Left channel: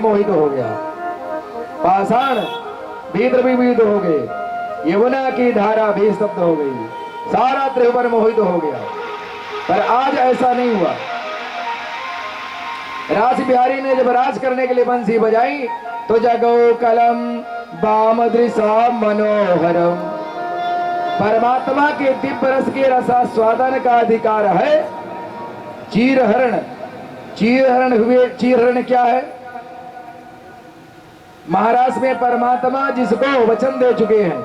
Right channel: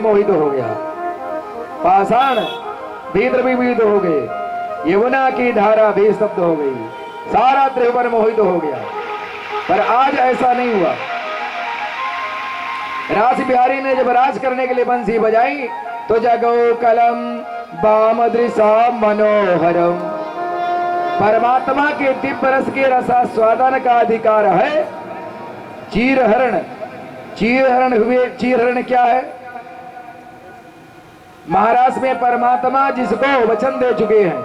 मोहित हो गया, पाषाण भी द्रवीभूत हो गए, यमुना की धारा भी स्तब्ध हो गई, सारा त्रिभुवन मोहित हो गया। पर आज ऐसा नहीं हुआ। रास बिहारी ने जब राज करने के लिए बंसी बजाई तो जगो कलम बाम दृशा मनोहरम। परमात्मा के दिव्य रस के रसास्वादन का अधिकार है चीरहरण। चीरहरण हुए, चीरहरण क्या है? महाराष्ट्र में परमात्मा जिसको वचन दे चुके हैं,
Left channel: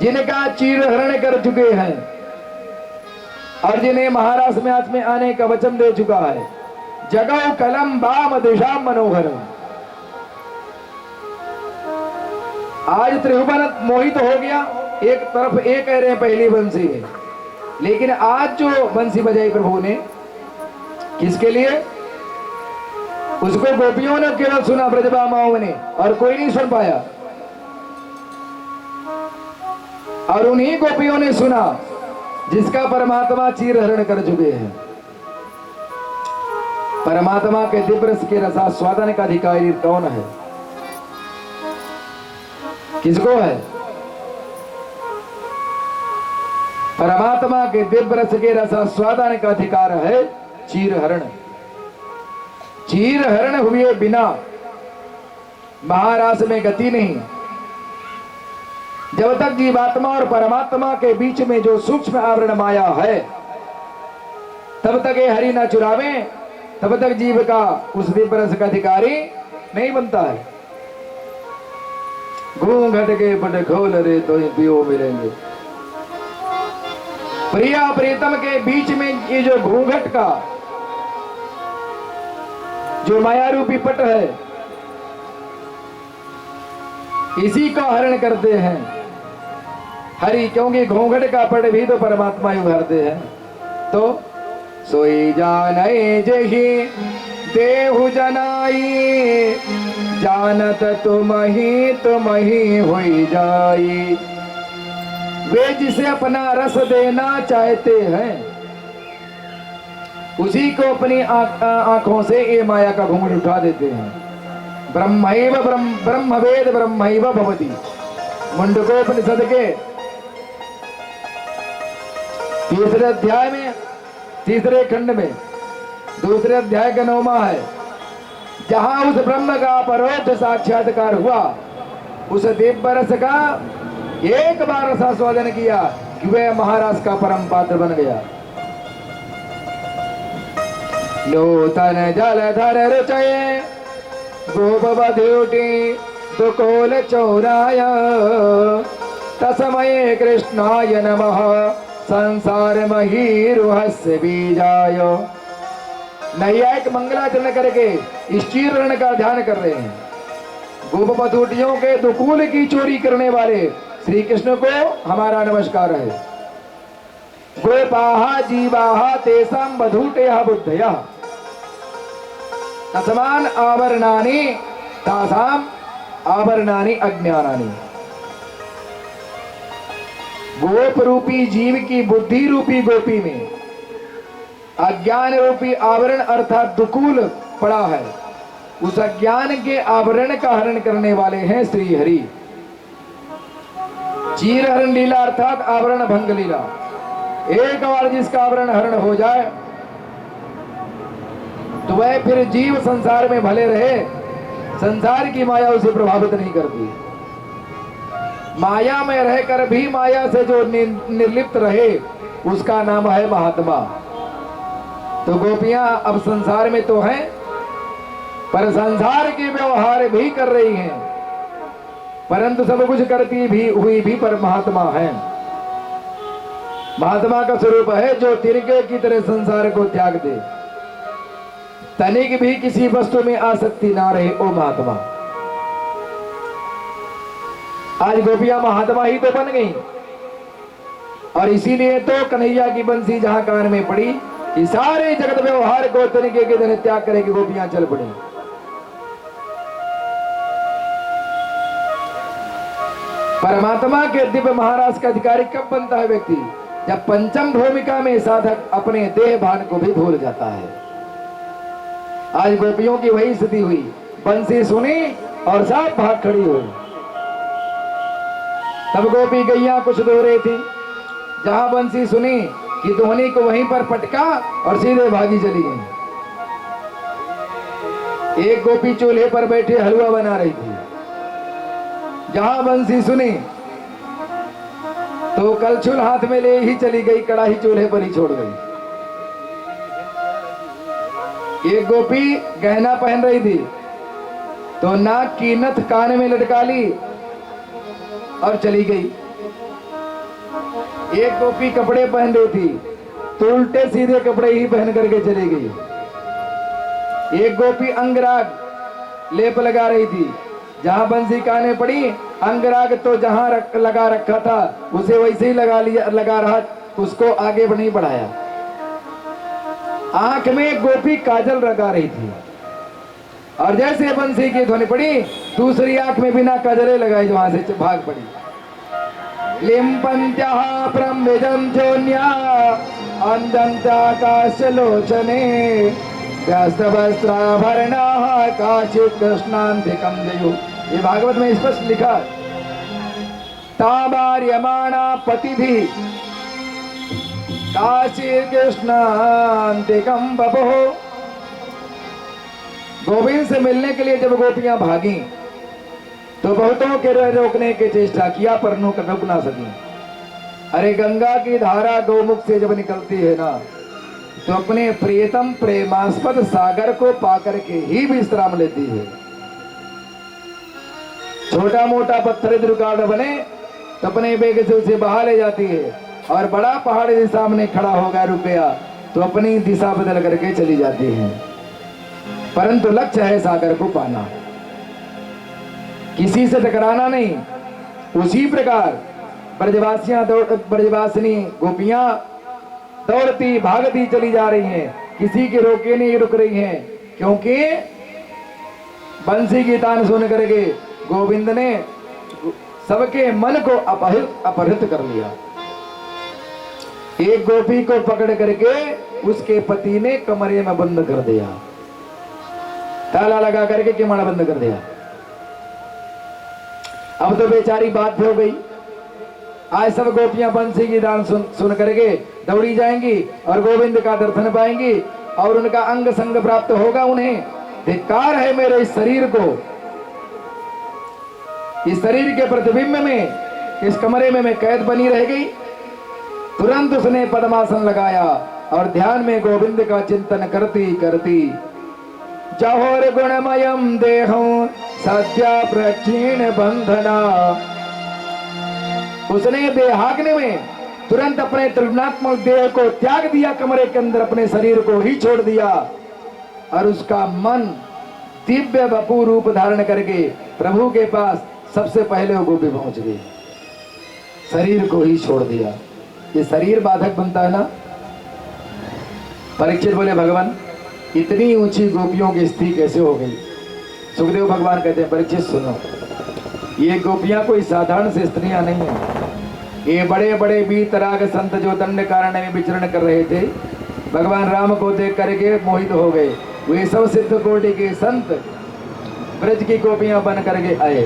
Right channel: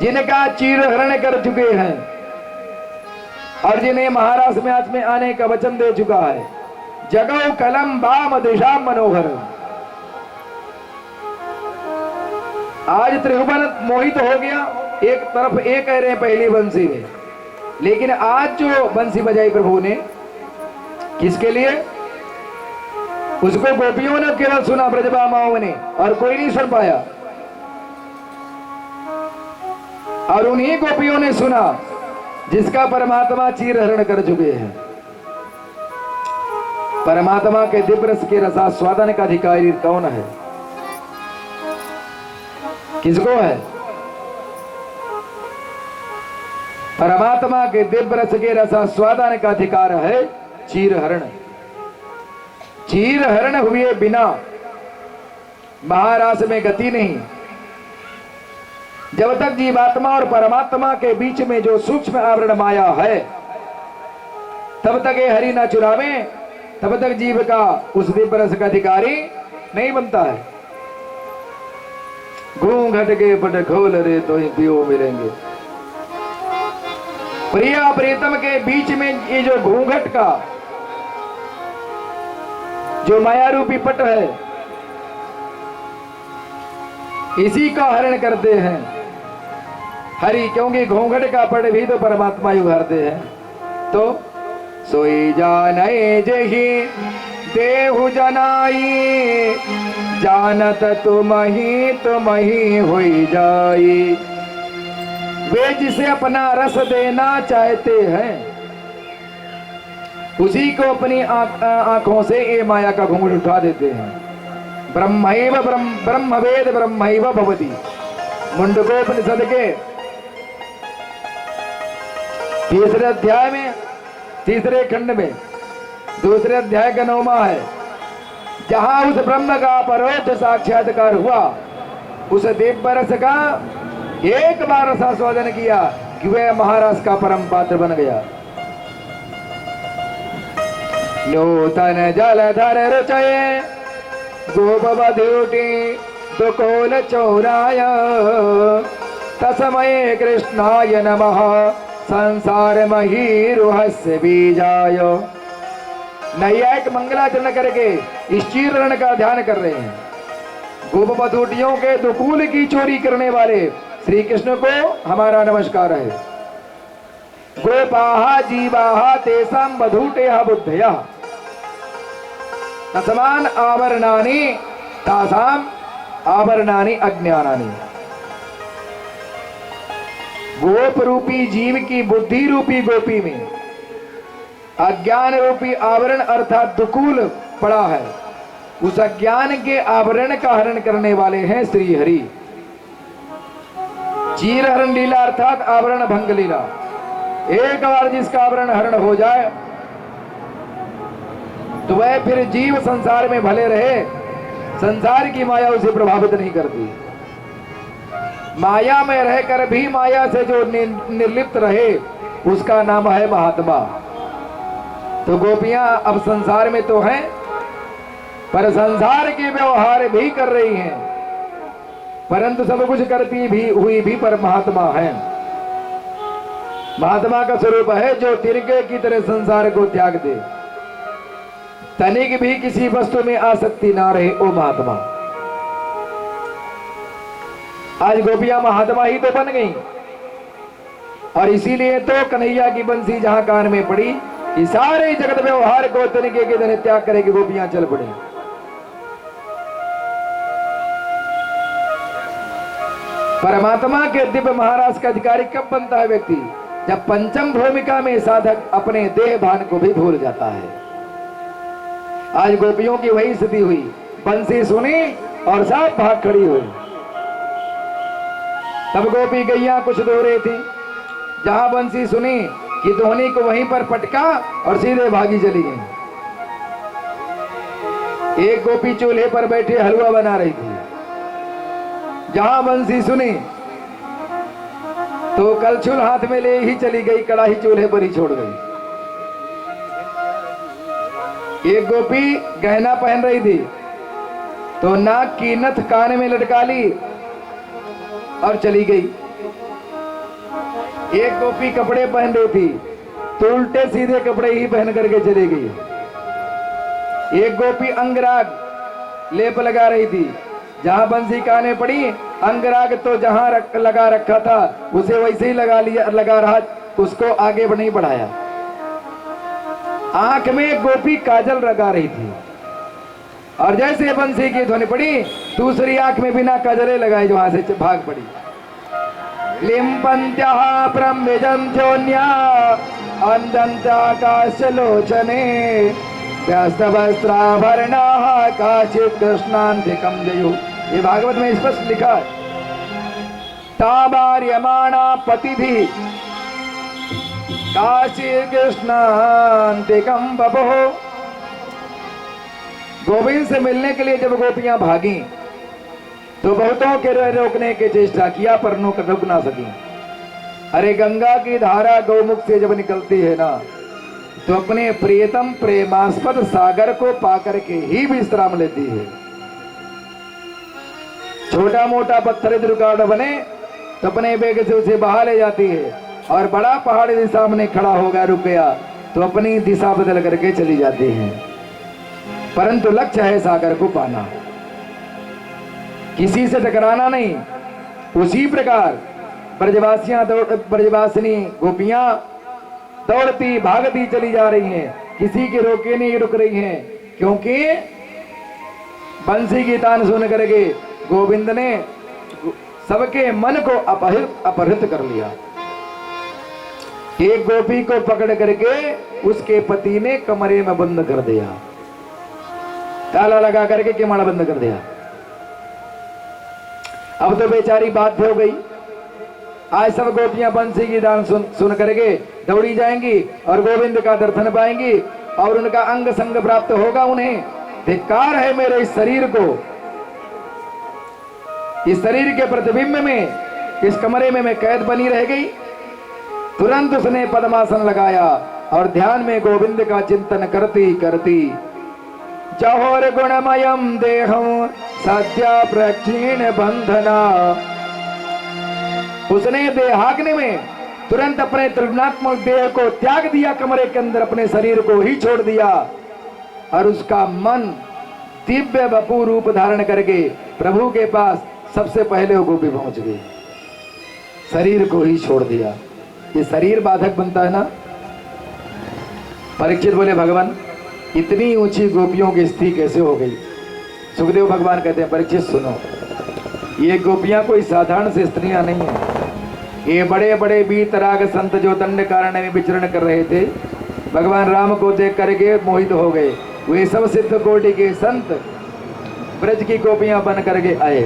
जिनका चीरहरण कर चुके हैं और जिन्हें महाराष्ट्र में आज में आने का वचन दे चुका है, जगो कलम बाम दिशा मनोहर। आज त्रिभुवन मोहित हो गया, एक तरफ एक कह रहे हैं पहली बंसी है, लेकिन आज जो बंसी बजाई प्रभु ने किसके लिए? उसको गोपियों ने केवल सुना, ब्रजबामाओं ने, और कोई नहीं सुन पाया। और उन्हीं गोपियों ने सुना जिसका परमात्मा चीरहरण कर चुके हैं। परमात्मा के दिव्य रस के रसास्वादन का अधिकारी कौन है? किसको है? परमात्मा के दिव्य रस के रसास्वादन का अधिकार है चीरहरण। चीरहरण हुए बिना महारास में गति नहीं। जब तक जीवात्मा और परमात्मा के बीच में जो सूक्ष्म आवरण माया है, तब तक ये हरि न चुरावे, तब तक जीव का उस दिव्य रस का अधिकारी नहीं बनता है। घूंघट के पट खोल रे तो पियो मिलेंगे। प्रिया प्रीतम के बीच में ये जो घूंघट का जो माया रूपी पट है, इसी का हरण करते हैं हरि, क्योंकि घूंघट का पट भी तो परमात्मा ही उघारते हैं। तो सोई जाने जही देहु जनाई, जानत तुम ही होई जाई। वे जिसे अपना रस देना चाहते हैं, उसी को अपनी आंखों से ये माया का घूंघट उठा देते हैं। ब्रह्मैव ब्रह्मवेद ब्रह्मैव भवति। मुंडकोपनिषद के तीसरे अध्याय में, तीसरे खंड में, दूसरे अध्याय का 9वां है, जहां उस ब्रह्म का परोक्ष साक्षात्कार हुआ, उस दिव्य रस का एक बार रसास्वादन किया कि वह महाराज का परम पात्र बन गया। नूतन जलधर रुचये गोपवधूटी दुकोल चौराय, तस्मये कृष्णाय नमः संसार महीरुहस्य बीजाय। नैयायिक मंगलाचरण करके इस चीरहरण का ध्यान कर रहे हैं। गोपवधूटियों के दुकूल की चोरी करने वाले श्री कृष्ण को हमारा नमस्कार है। गोपाहा जीवाहा तेसाम वधूटेह बुद्धयः, तस्मान आवरणानि तासाम आवरणानि अज्ञानानि। गोप रूपी जीव की बुद्धि रूपी गोपी में अज्ञान रूपी आवरण अर्थात दुकूल पड़ा है। उस अज्ञान के आवरण का हरण करने वाले हैं श्री हरि। चीरहरण लीला अर्थात आवरण भंग लीला। एक बार जिसका आवरण हरण हो जाए तो वह फिर जीव संसार में भले रहे, संसार की माया उसे प्रभावित नहीं करती। माया में रहकर भी माया से जो निर्लिप्त रहे, उसका नाम है महात्मा। तो गोपियां अब संसार में तो हैं, पर संसार के व्यवहार भी कर रही हैं, परंतु सब कुछ करती भी हुई भी पर महात्मा है। महात्मा का स्वरूप है जो तिनके की तरह संसार को त्याग दे, तनिक भी किसी वस्तु में आसक्ति ना रहे, ओ महात्मा। आज गोपियां महात्मा ही तो बन गई, और इसीलिए तो कन्हैया की बंसी जहां कान में पड़ी कि सारे जगत व्यवहार को तनिके के तरह त्याग करेगी, गोपियां चल पड़ी। परमात्मा के दिव्य महाराज का अधिकारी कब बनता है व्यक्ति? जब पंचम भूमिका में साधक अपने देह भान को भी भूल जाता है। आज गोपियों की वही स्थिति हुई। बंसी सुनी और साफ भाग खड़ी हुई। तब गोपी गैया कुछ दूर थी, जहां बंसी सुनी कि ध्वनि को वहीं पर पटका और सीधे भागी चली गई। एक गोपी चूल्हे पर बैठे हलवा बना रही थी, जहां बंसी सुनी तो कलछुल हाथ में ले ही चली गई, कड़ाही चूल्हे पर ही छोड़ गई। एक गोपी गहना पहन रही थी तो नाक की नथ कान में लटका ली और चली गई। एक गोपी कपड़े पहन रही थी तो उल्टे सीधे कपड़े ही पहन करके चली गई। एक गोपी अंगराग लेप लगा रही थी, जहां बंसी काने पड़ी, अंगराग तो जहां लगा रखा था उसे वैसे ही लगा रहा, उसको आगे नहीं बढ़ाया। आंख में गोपी काजल लगा रही थी और जैसे बंसी की ध्वनि पड़ी, दूसरी आंख में बिना काजले लगाए वहां से भाग पड़ी। लिम्पन्त्याः प्रम्भजन्त्योन्या अंदन्ताकाशलोचने व्यस्तवस्त्राभरणाः काचित् कृष्णान्तिकं जयुः। ये भागवत में स्पष्ट लिखा है, तावार्यमाणा पतिभिः काचित् कृष्णान्तिकं बभुः। गोविंद से मिलने के लिए जब गोपियां भागी तो बहुतों के रोकने की चेष्टा किया पर रुक ना सकी। अरे गंगा की धारा गौमुख से जब निकलती है ना, तो अपने प्रियतम प्रेमास्पद सागर को पाकर के ही विश्राम लेती है। छोटा मोटा पत्थर दुर्गाड़ बने तो अपने बेग से उसे बहा ले जाती है, और बड़ा पहाड़ यदि सामने खड़ा हो गया, रुक गया, तो अपनी दिशा बदल करके चली जाती है। परंतु लक्ष्य है सागर को पाना, किसी से टकराना नहीं। उसी प्रकार ब्रजवासिनी गोपियां दौड़ती भागती चली जा रही हैं, किसी के रोके नहीं रुक रही हैं, क्योंकि बंसी की तान सुन करके गोविंद ने सबके मन को अपहृत कर लिया। एक गोपी को पकड़ करके उसके पति ने कमरे में बंद कर दिया, ताला लगा करके किवाड़ बंद कर दिया। अब तो बेचारी बात हो गई। आज सब गोपियां बंसी की दान सुन करके दौड़ी जाएंगी और गोविंद का दर्शन पाएंगी और उनका अंग संग प्राप्त होगा। उन्हें धिक्कार है मेरे इस शरीर को, इस शरीर के प्रतिबिंब में, इस कमरे में मैं कैद बनी रह गई। तुरंत उसने पद्मासन लगाया और ध्यान में गोविंद का चिंतन करती करती जहोर गुणमयम देहं सद्या प्रक्षीण बंधना, उसने देहाग्नि में तुरंत अपने त्रिगुणात्मक देह को त्याग दिया, कमरे के अंदर अपने शरीर को ही छोड़ दिया, और उसका मन दिव्य वपु रूप धारण करके प्रभु के पास सबसे पहले वो गोपी पहुंच गई। शरीर को ही छोड़ दिया। ये शरीर बाधक बनता है ना। परीक्षित बोले, भगवान इतनी ऊंची गोपियों की स्थिति कैसे हो गई? सुखदेव भगवान कहते हैं, परीक्षित सुनो, ये गोपियां कोई साधारण से स्त्रियां नहीं है। ये बड़े बड़े वीतराग संत जो दंड कारण में विचरण कर रहे थे, भगवान राम को देख करके मोहित हो गए। वे सब सिद्ध कोटि के संत ब्रज की गोपियां बन करके आए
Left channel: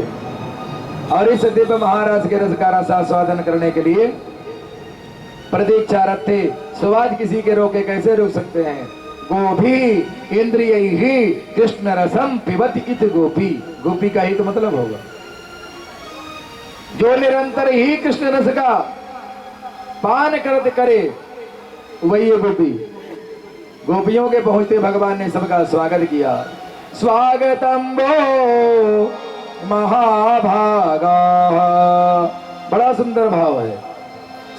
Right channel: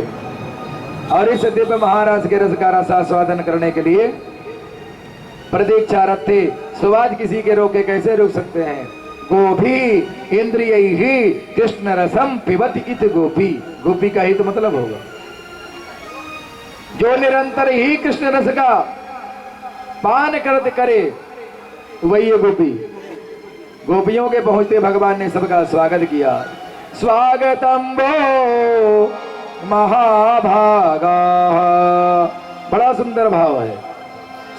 और इस दिव्य महाराज के रस का रसास्वादन करने के लिए प्रतीक्षारत थे। सुवाज किसी के रोके कैसे रुक सकते हैं? गोभी इंद्रिय ही कृष्ण रसम पिबत इत गोपी। गोपी का ही तो मतलब होगा जो निरंतर ही कृष्ण रस का पान करते करे, वही है गोपी। गोपियों के पहुंचते भगवान ने सबका स्वागत किया। स्वागतम वो महाभागा, बड़ा सुंदर भाव है।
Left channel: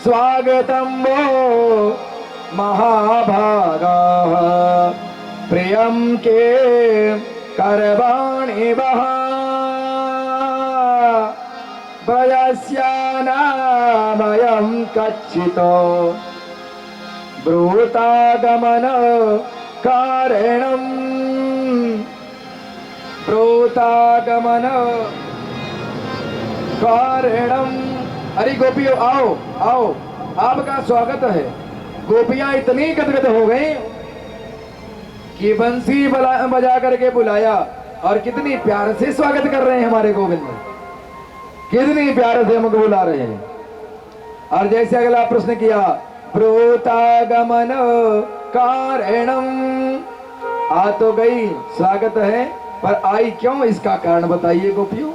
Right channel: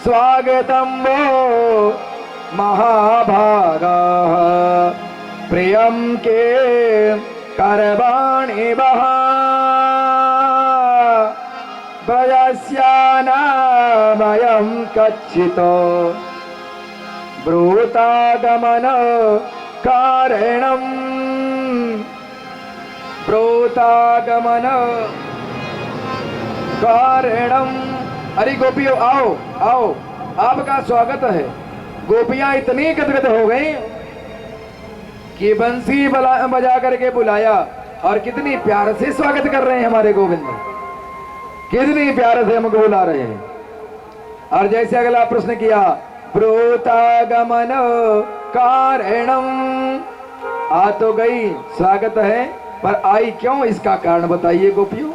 स्वागतम वो महाभागा प्रियम के करवाणि वहा ब्रजस्यानामयं कच्चितो ब्रूतागमन कारणम् ब्रूतागमन कारणम्। अरे गोपियों आओ आओ, आपका स्वागत है। गोपियां इतनी गदगद हो गई कि बंसी बजा करके बुलाया और कितनी प्यार से स्वागत कर रहे हैं हमारे गोविंद, कितनी प्यार से हमको बुला रहे हैं। और जैसे अगला प्रश्न किया, प्रोतागमन कारणम, आ तो गई, स्वागत है, पर आई क्यों, इसका कारण बताइए गोपियों,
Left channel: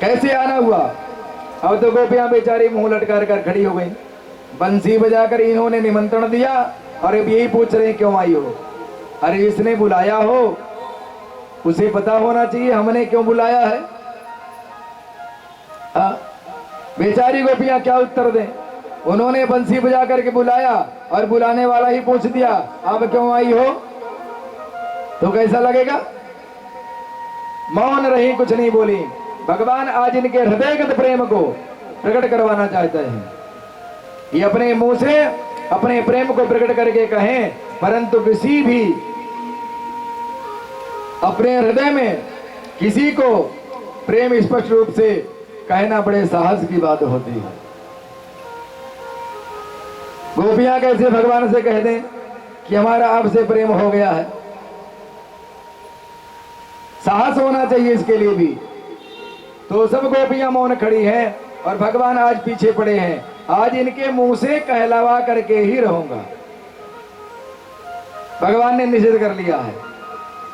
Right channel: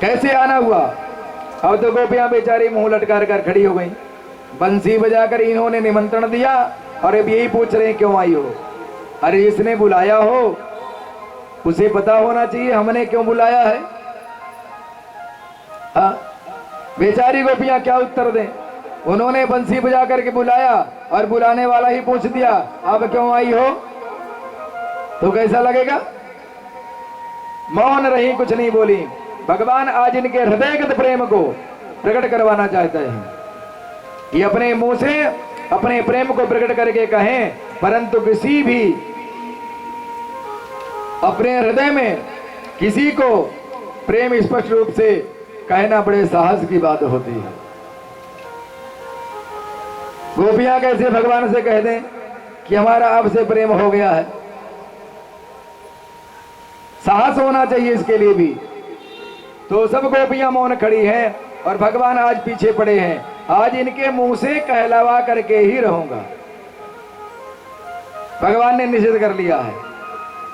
कैसे आना हुआ। अब तो गोपियां बेचारी मुंह लटका कर खड़ी हो गई, बंसी बजाकर इन्होंने निमंत्रण दिया और अब यही पूछ रहे हैं क्यों आई हो। अरे इसने बुलाया हो उसे पता होना चाहिए हमने क्यों बुलाया है। बेचारी गोपियां क्या उत्तर दें, उन्होंने बंसी बजा करके बुलाया और बुलाने वाला ही पूछ दिया अब क्यों आई हो, तो कैसा लगेगा। मौन रही, कुछ नहीं बोली। भगवान आज इनके हृदयगत प्रेम को प्रकट करवाना चाहते हैं। ये अपने मुंह से अपने प्रेम को प्रकट करके कहें, परंतु किसी भी अपने हृदय में किसी को प्रेम स्पष्ट रूप से कहना बड़े साहस की बात होती है। गोपियां कैसे भगवान से कह दें कि हमारा आपसे प्रेम हो गया है, साहस होना चाहिए इसके लिए भी। तो सब गोपियां मौन खड़ी हैं और भगवान आज पीछे पड़े हैं। आज इनके मुंह से कहलावा करके ही रहूंगा, भगवान ने निषेध कर लिया है।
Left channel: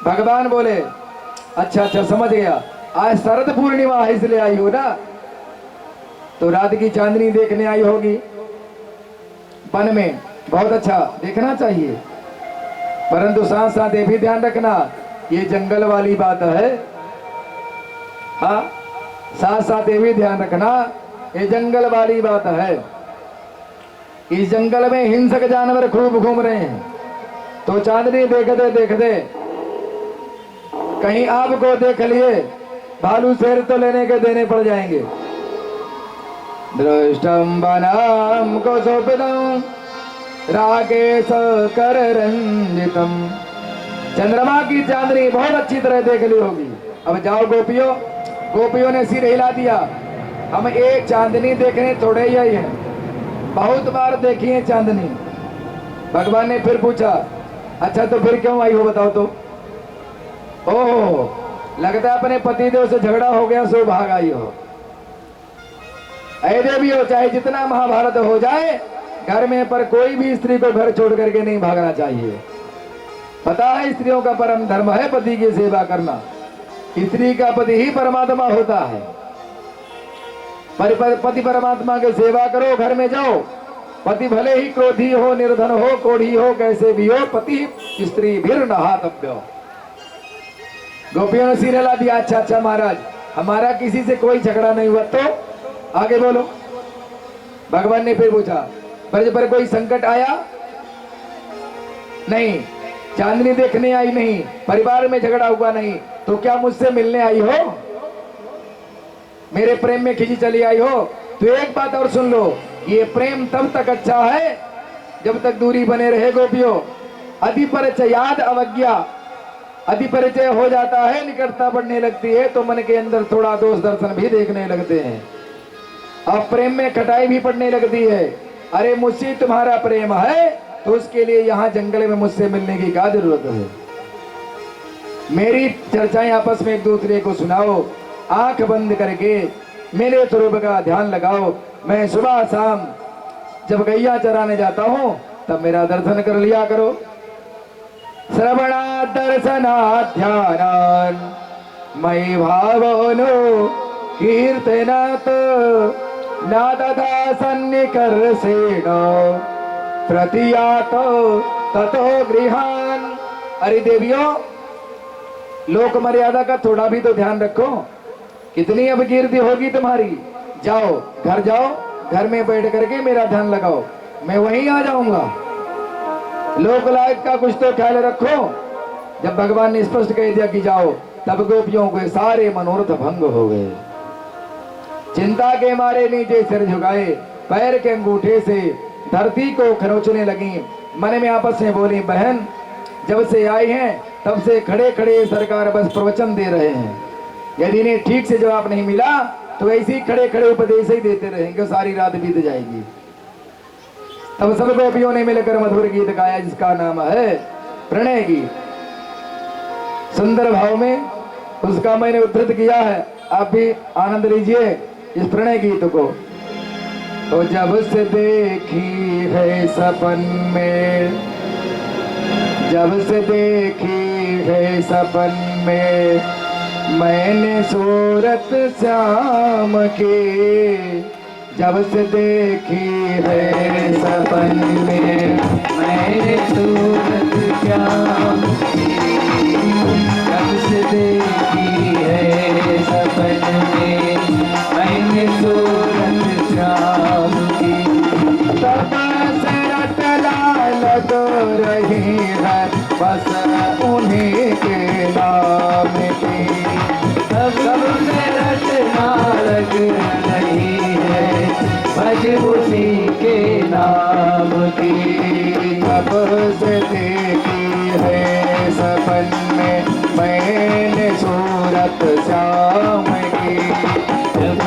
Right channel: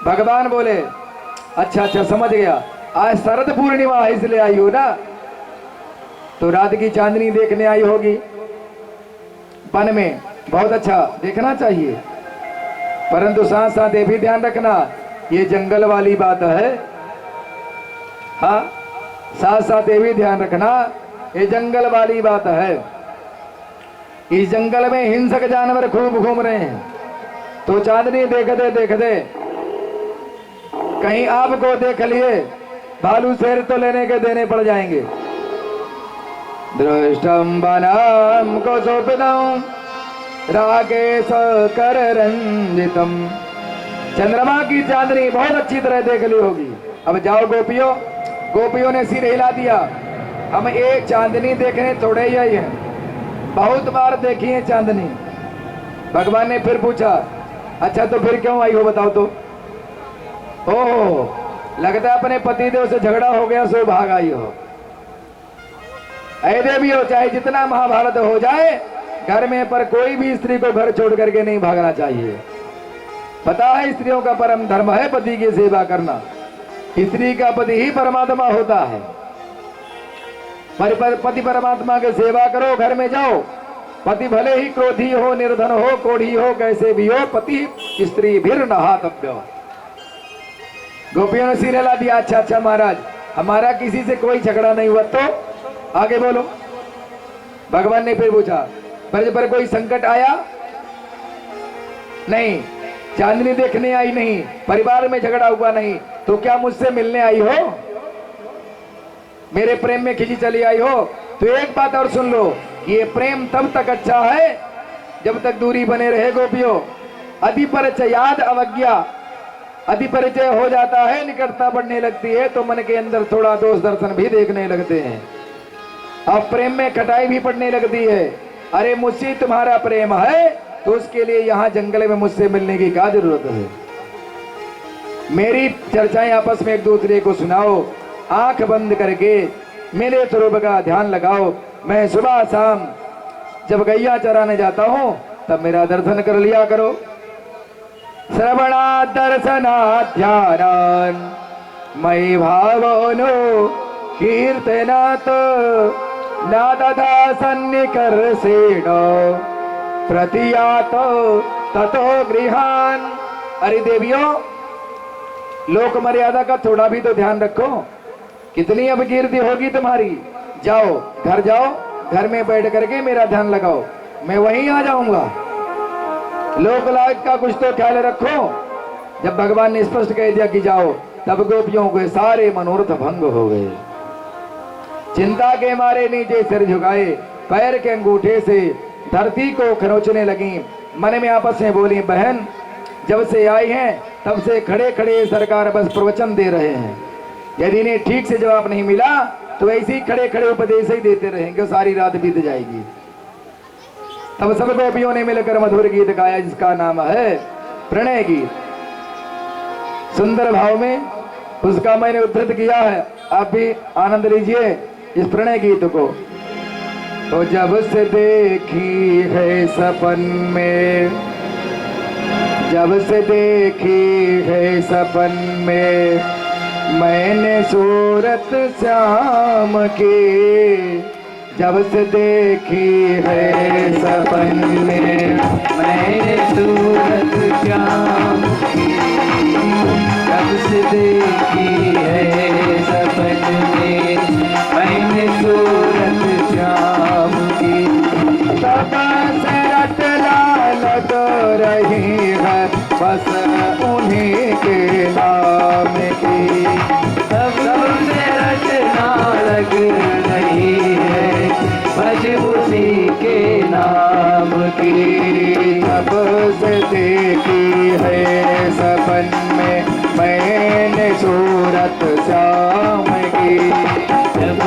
भगवान बोले अच्छा अच्छा समझ गया, आज शरद पूर्णिमा है इसलिए आई हो ना, तो रात की चांदनी देखने आई होगी वन में, बहुत अच्छा देखना चाहिए, परंतु साथ साथ ये भी ध्यान रखना ये जंगल वाली बात है। हाँ, साथ साथ ये भी ध्यान रखना ये जंगल वाली बात है। इस जंगल में हिंसक जानवर खूब घूम रहे हैं, तो चांदनी देखते देखते कहीं आपको देख लिए भालू शेर तो लेने के देने पड़ जाएंगे। दृष्टम बनाम को स्वप्नम राकेश कर रंजितम, चंद्रमा की चांदनी बहुत अच्छी तरह देख ली होगी। अब जाओ गोपियों, गोपियों ने सिर हिला दिया, हम एक चांदनी देखने थोड़े ही आई हैं, बहुत बार देखी है चांदनी। भगवान ने फिर पूछा अच्छा तो फिर क्यों आई हो बताओ तो। ओह, लगता है अपने पतिदेव से झगड़ा हो गया सो भाग आई हो। ऐसे भी हो, चाहे जितना महाभारत हो जाए घर में, पर कोई भी स्त्री को घर छोड़ करके नहीं भागना चाहिए। पता है स्त्रियों का परम धर्म है पति की सेवा करना, स्त्री का पति ही परमात्मा होता है। पर पति परमात्मा की सेवा करो, घर में जाओ, पति भले ही क्रोधी हो, निर्धन हो, कोढ़ी हो, कैसे भी हो, पति स्त्री भी नहातव्य। गोपियों ने सिर हिला दिया, अच्छा अच्छा महाराज हमारा किसी से कोई झगड़ा नहीं हुआ, तो आगे बोलो। भगवान ने फिर पूछा पर कोई संकट आया नहीं, चांदनी देखने आई नहीं, परिवार में झगड़ा हुआ नहीं, तो क्या मुझसे मिलने आई हो, मेरे प्रेम में खिंची चली आई हो। तो एक बात और सुन लो, ये प्रेम तब तक अच्छा है जब तक दूरी बने रहे गोपियों। अधिपरिचयाद अवज्ञा, अधिपरिचय हो जाता है, निकटता बढ़ने लगती है, तो मन के अंदर थोड़ा दोष दर्शन भी देखने लगते हैं और प्रेम में खटाई भी पड़ने लगती है। अरे मुझसे तुम्हारा प्रेम है तो उसके लिए यहाँ जंगल में मुझसे मिलने की क्या जरूरत है। मेरी चर्चाएं आपस में एक दूसरे को सुनाओ, आंख बंद करके मेरे स्वरूप का ध्यान लगाओ। मैं सुबह शाम जब गैया चराने जाता हूँ तब मेरा दर्शन कर लिया करो। श्रवणा दर्शना ध्यान मयि भावनो कीर्तनात् नादधा सन्निकर्षेण प्रतियातो ततो गृहान। अरे देवियों, लोक मर्यादा का थोड़ा भी तो ध्यान रखो, कितनी अब कीर्ति होगी तुम्हारी। जाओ घर जाओ, घर में बैठ करके मेरा ध्यान लगाओ, मैं वहीं आ जाऊंगा। लोक लाज का कुछ तो ख्याल रखो। जब भगवान ने स्पष्ट कह दिया कि जाओ, तब गोपियों के सारे मनोरथ भंग हो गए। चिंता के मारे नीचे सिर झुकाए, पैर के अंगूठे से धरती को खरोचने लगी। मन में आपस में बोली, बहन जब से आई हैं तब से खड़े खड़े सरकार बस प्रवचन दे रहे हैं, यदि इन्हें ठीक से जवाब नहीं मिला तो ऐसे ही खड़े खड़े उपदेश ही देते रहेंगे, सारी रात बीत जाएगी। तब सब गोपियों ने मिलकर मधुर गीत गाया जिसका नाम है प्रणय गीत। सुंदर भाव में उसका मैंने उद्धृत किया है। आप भी आनंद लीजिए इस प्रणय गीत को। तो जब से देखी है सपन में, जब से देखी है सपन में मैंने सूरत श्याम की, जब से देखी है सपन में मैंने सूरत श्याम की, जब से देखी है सपन में मैंने सूरत श्याम की, तब से रटना लग रही है बस उन्हीं के नाम की, तब से रटना लग रही है बस उसी के नाम की, तब से देखी है सपन में मैंने सूरत श्याम की, जब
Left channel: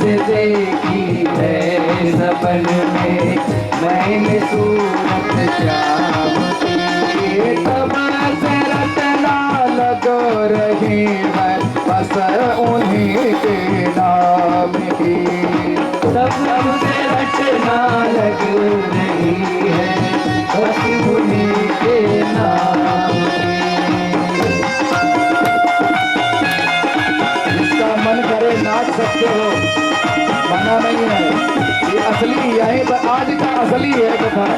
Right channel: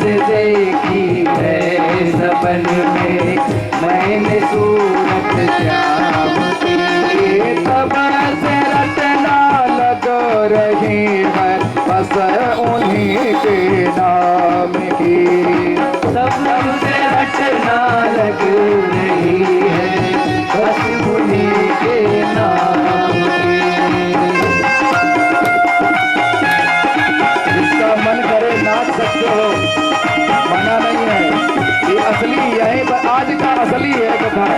से देखी है सपन में मैंने सूरत श्याम की, तब से रटना लग रही है बस उन्हीं के नाम की, तब से रटना लग रही है बस उन्हीं के नाम की। जिसका मन करे नाच सकते हो, मना नहीं है। ये असली यही पर आज का असली है कथा।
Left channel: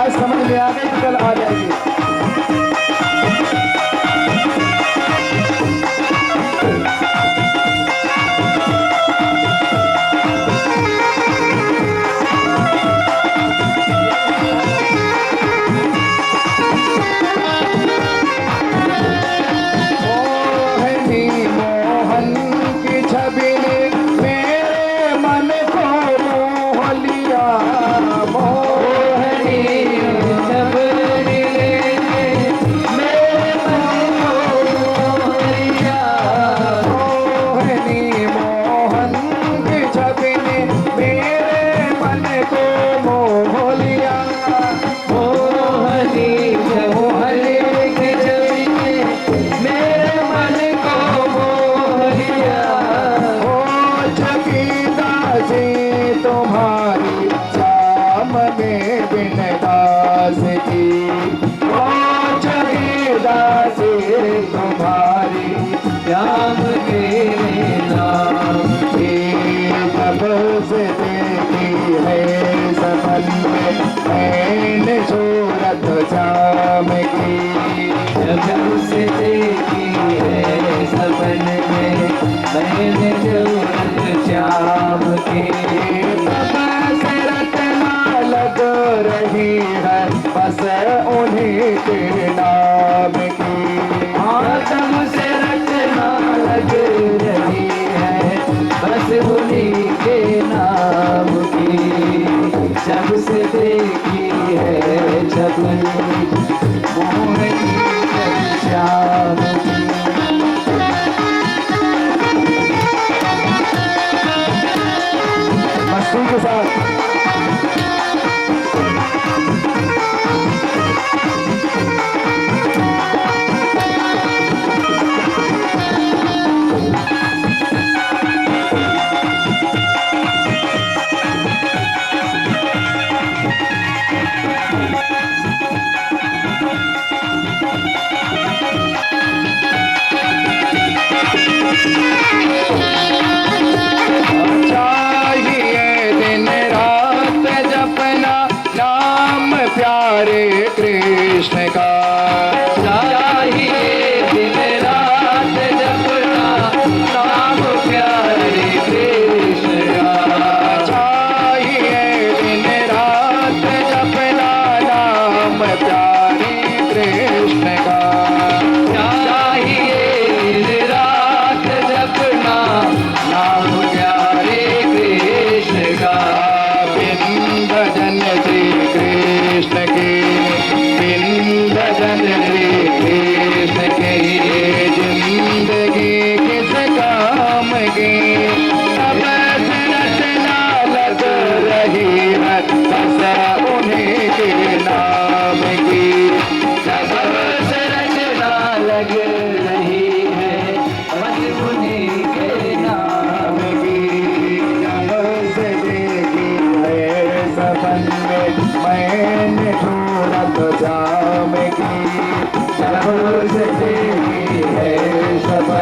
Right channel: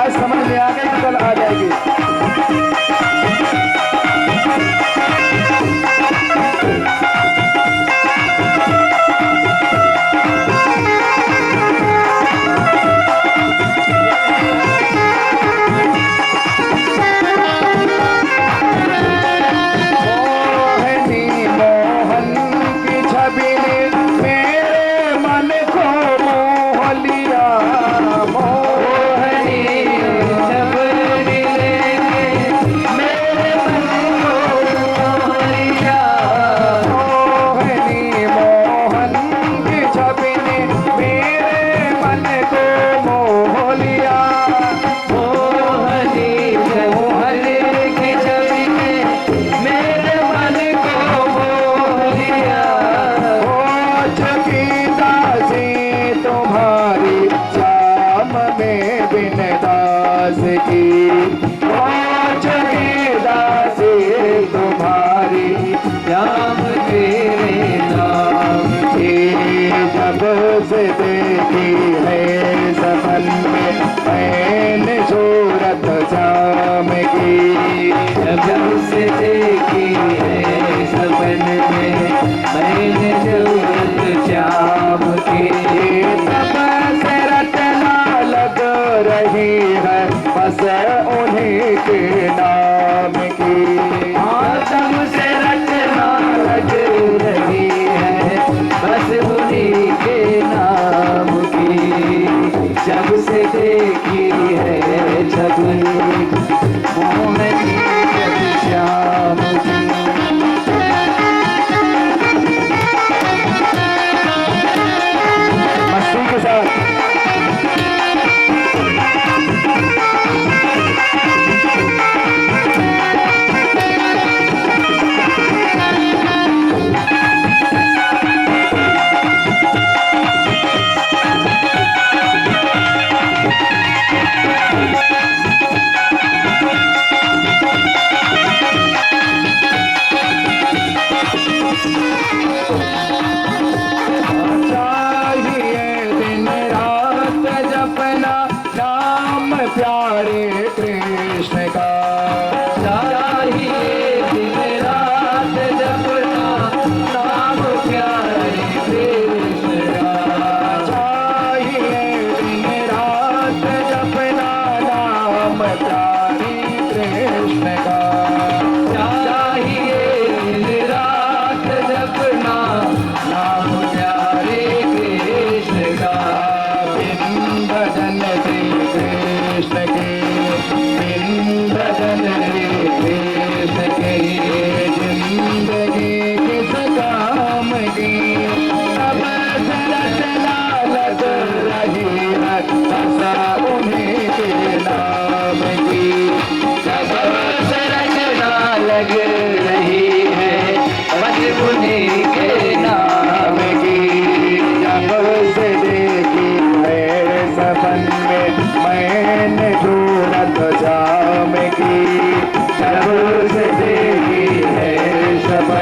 आज समझ में आ गई तो कल आ जाएगी। मैंने सूरत श्याम की, जब से देखी है सपन में मैंने सूरत श्याम की, तब से रटना लग रही है बस उन्हीं के नाम की, तब से रटना लग रही है बस उन्हीं के नाम की, जब से देखी है छगन मोहनी श्याम की।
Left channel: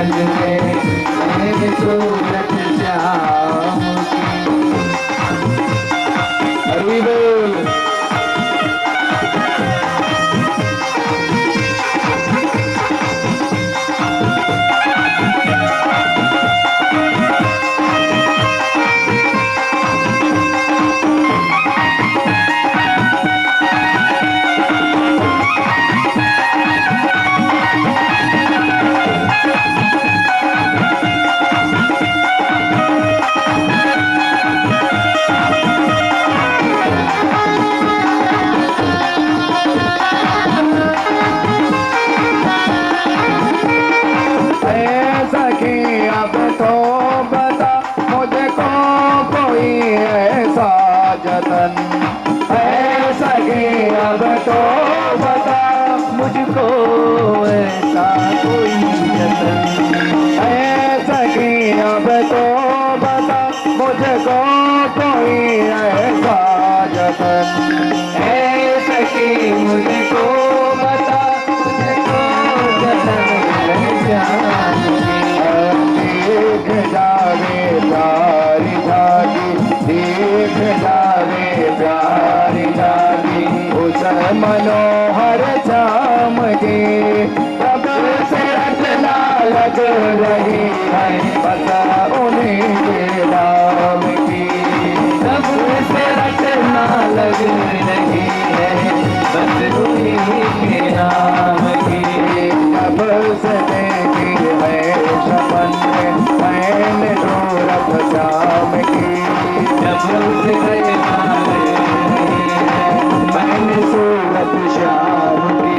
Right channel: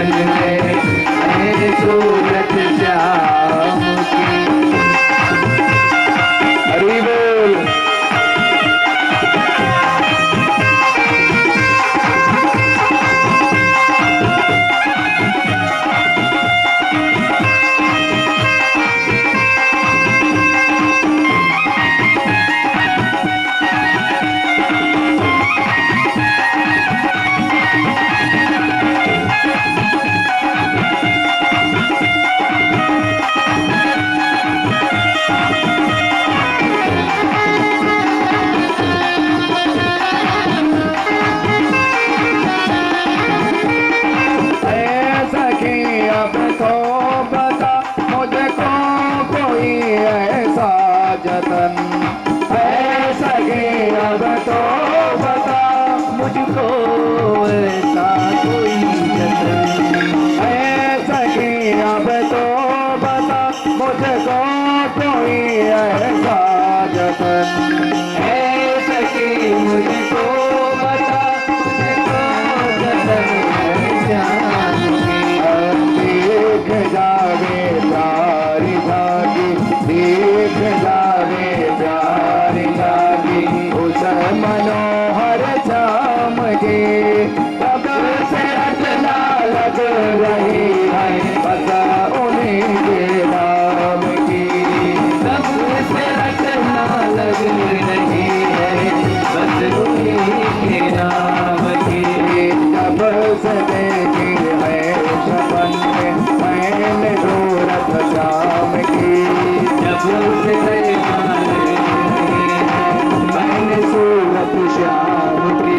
सपन में नैन सूरत श्याम की। हरि बोल। अब तो बता मुझको कोई ऐसा जतन है सके। अब तो बता मुझको ऐसा कोई जतन है सके। अब तो बता मुझको कोई ऐसा जतन है सके। मुझको बता मुझको जतन है श्याम की। देख जावे प्यारी जागी, देख जावे प्यारी जागी, उस मनोहर चाम की तब से रचना लग रही है बस उन्हीं के नाम की। तब से रचना लग रही है बस उन्हीं के नाम की। तब से देखी मैं सपन में मैंने सूरत श्याम की। जब से देखा मैंने सूरत श्याम की।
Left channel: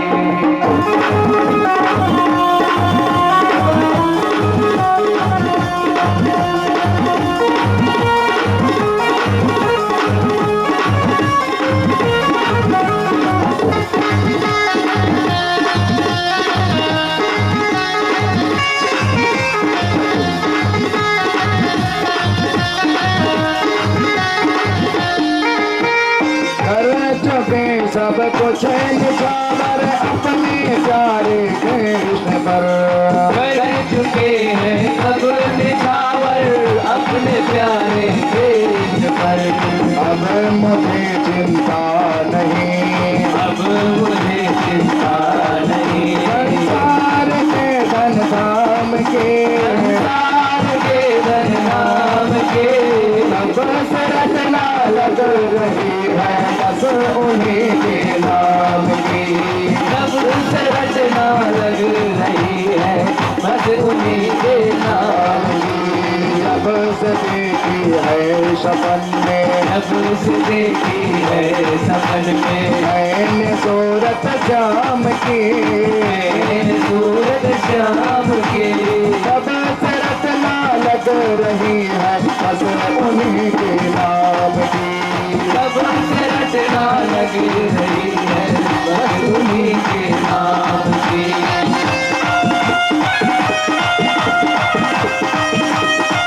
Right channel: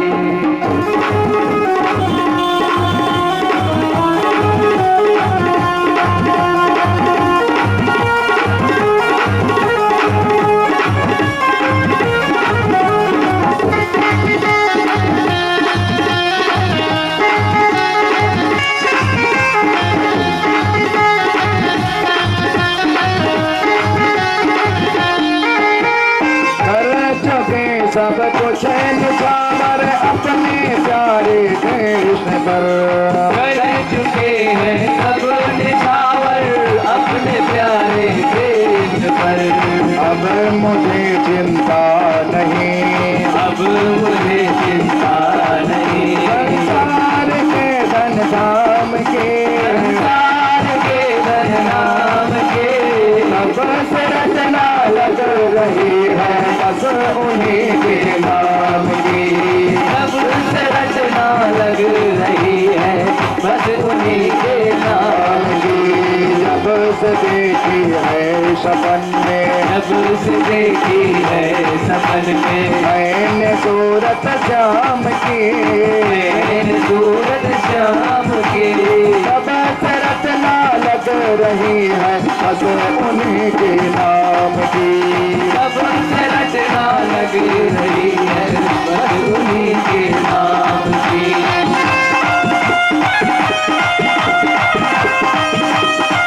सब कुछ निछावर अपने प्यारे देश पर कर चुके हैं अब निछावर अपने प्यारे देश पर। अब मुझे चिंता नहीं, अब मुझे चिंता नहीं। संसार के धन धाम के, संसार के धन नाम के अब से रचना लग रही है बस उन्हीं के नाम की। जब से रचना लग रही है बस उन्हीं के नाम की। जब से देखी है सपन में, जब से देखी है सपन में मैंने सूरत श्याम की। मैंने सूरत श्याम की। तब से रचना लग रही है बस उन्हीं के नाम की। जब से रचना लग रही है बस उन्हीं के नाम की।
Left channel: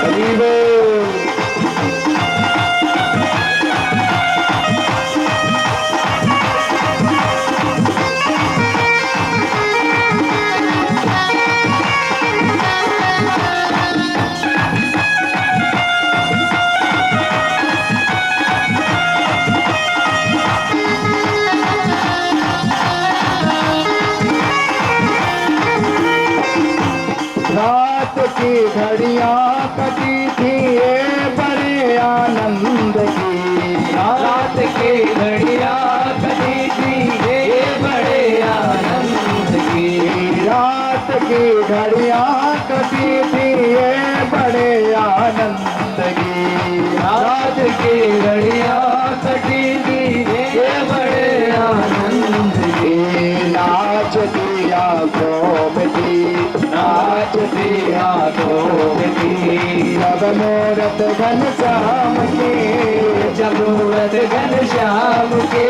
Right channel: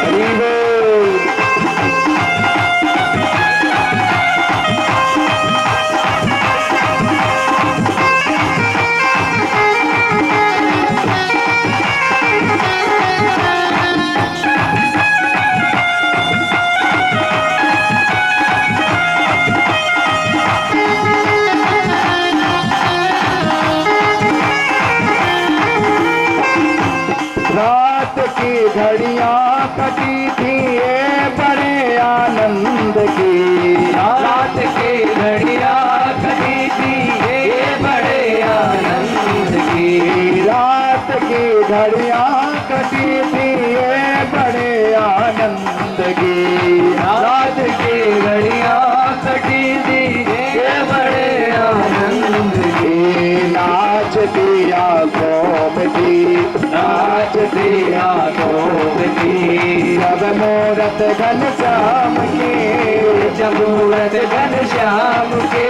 हरि बोल। रात की घड़ियां कटी थी ये बड़े आनंद की। रात के घड़ियां कटी थी ये बड़े आनंद की। रात की घड़ियां कटी थी ये बड़े आनंद की। रात की घड़ियां कटी थी ये बड़े आनंद की। नाच दिया गोम की, नाच दिया गोम की। जब मूरत घन श्याम की, जब मूरत घन श्याम के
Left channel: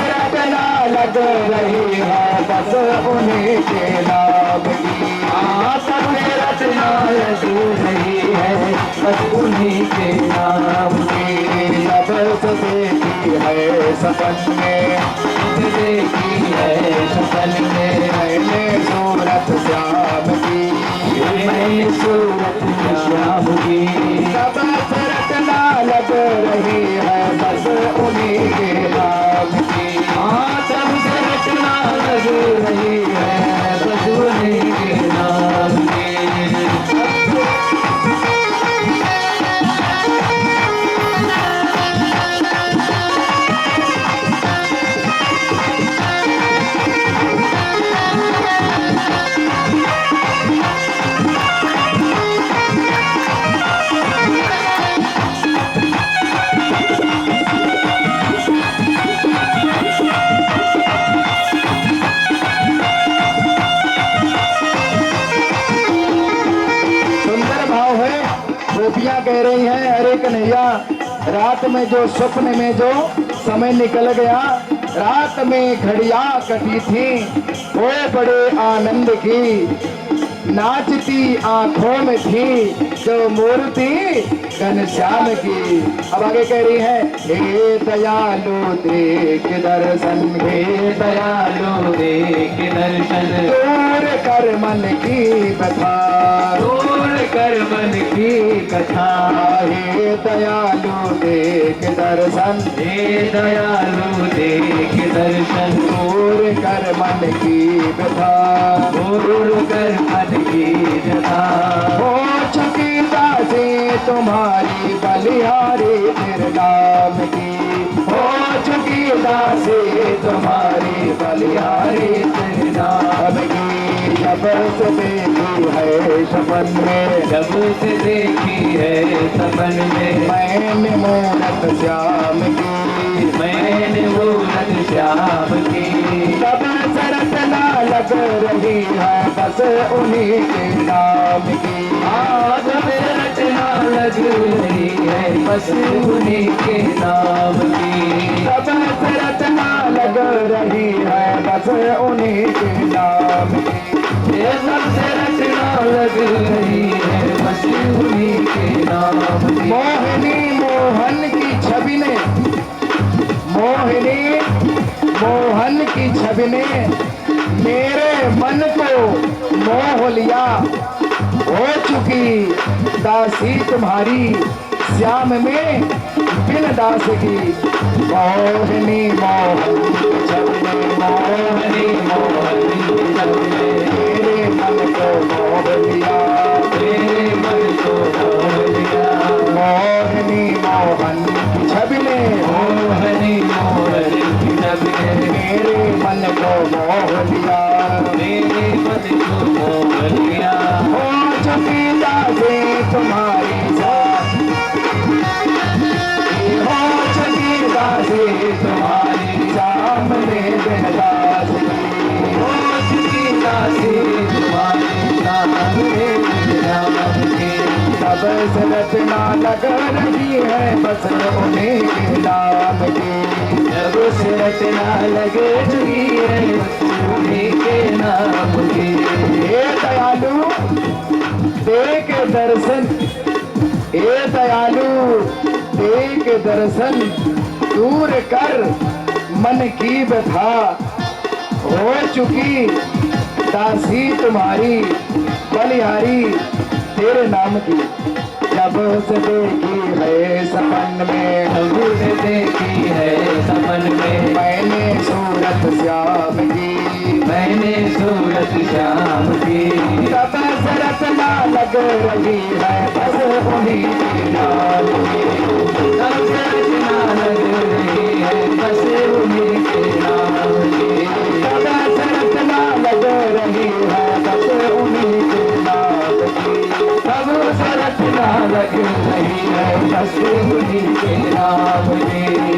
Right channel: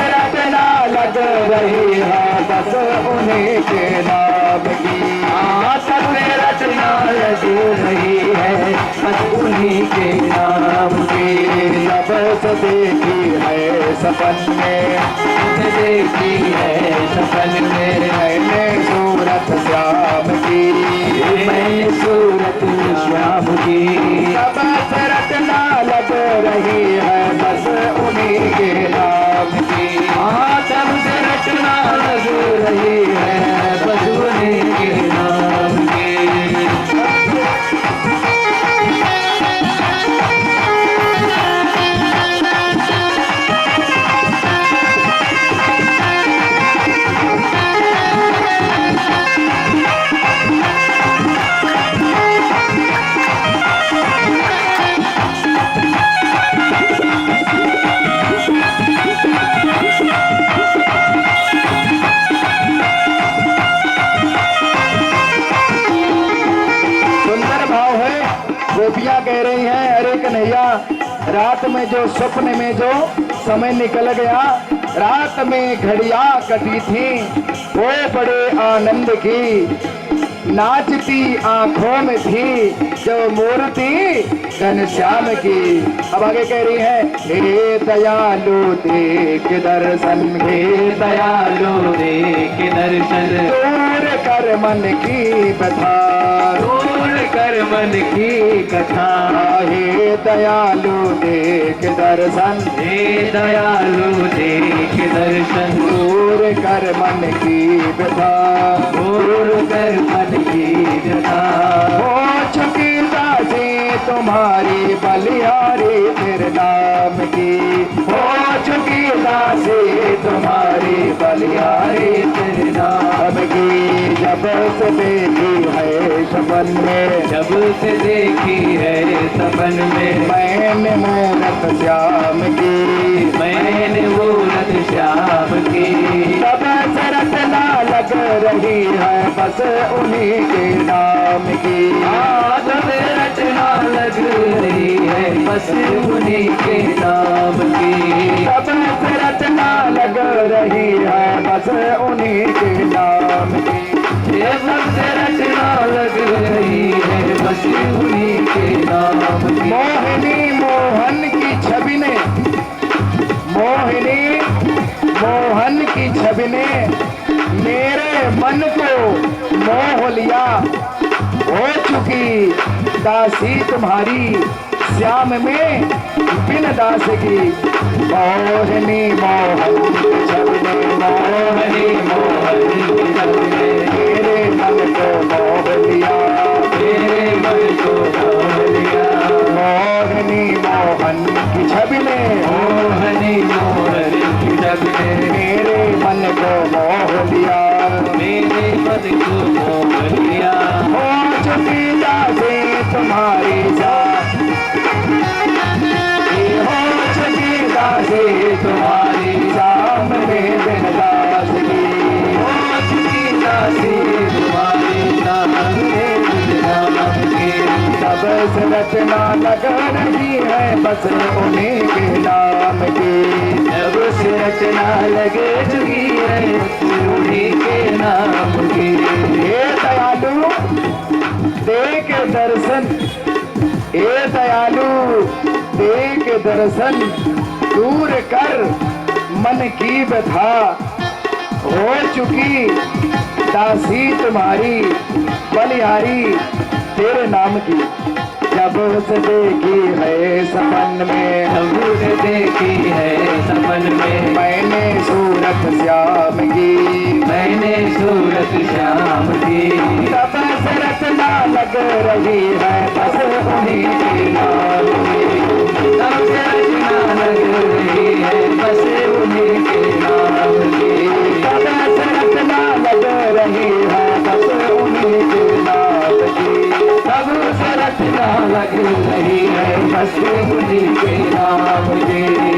रचना लग रही है बस उन्हीं के नाम की। सब रचना लग रही है बस उन्हीं के नाम की। जब से देखी है सपन में, देखी है सपन में मैंने सूरत श्याम की। गोपियां कह रही हैं, अरे कन्हैया, रात में जो सपने में जो समय निकल गया, रात में घड़ियां कटी थी वो बड़े आनंद की, नाचती आंखों में थी जो मूर्ति घनश्याम की। अब आगे कह रही है, हे दयालु देख दर्शन, हे दयालु देख दर्शन, दूर कर मन की कथा, दूर कर मन की कथा। हे दयालु देख दर्शन, हे दयालु देख दर्शन, दूर कर मन की कथा, दूर कर मन की कथा। हो चुकी दासी तुम्हारी बलिहारी तेरे नाम की, हो चुकी दासी तुम्हारी बलिहारी तेरे नाम की। जब से देखी है सपन में, जब से देखी है सपन में, मैंने मूरत श्याम की, मैंने मूरत श्याम की। तब से रचना लग रही है बस उन्हीं के नाम की। आज रचना लग रही है बस उन्हीं के नाम की। तब से रचना लग रही है बस उन्हीं के नाम की। ये सबसे रचना लग रही है बस उन्हीं के नाम की। मोहिनी मोहन की छवि ने, मोहिनी मोहन की छवि ने मेरे मन को मोह लिया, हो चुकी दासी तुम्हारी श्याम में बिन दास की। मोहिनी मोहन की छवि ने, मोहिनी मोहन की छवि ने मेरे मन को मोह लिया, मेरे मन को मोह लिया। मोहिनी मोहन की छवि ने, मोहनी मोहन की छवि ने मेरे मन को मोह लिया, मेरे मन को मोह लिया। हो चुकी दासी तुम्हारी साथ, हो चुकी दासी तुम्हारी शाम में दिन दास की, हो चुकी दासी तुम्हारी शाम में दिन दास की। सब से रचना लग रही है बस उन्हीं के नाम की। जब से रचना लगे चुकी है उन्हीं के नाम की। हे दयालु देख दर्शन, हे दयालु देख दर्शन, दूर कर मन की व्यथा, हो चुकी दासी तुम्हारी बलिहारी तेरे नाम की। जब से देखी है सपन में, जब से देखी है सपन में, मैंने सूरत श्याम की, मैंने सूरत श्याम की। तब से रचना लग रही है बस उन्हीं के नाम की। तब से रचना लग रही है बस उन्हीं के नाम की। तब से रचना लग रही है बस उन्हीं के नाम की। तब से रचना लग रही है बस उन्हीं के नाम की।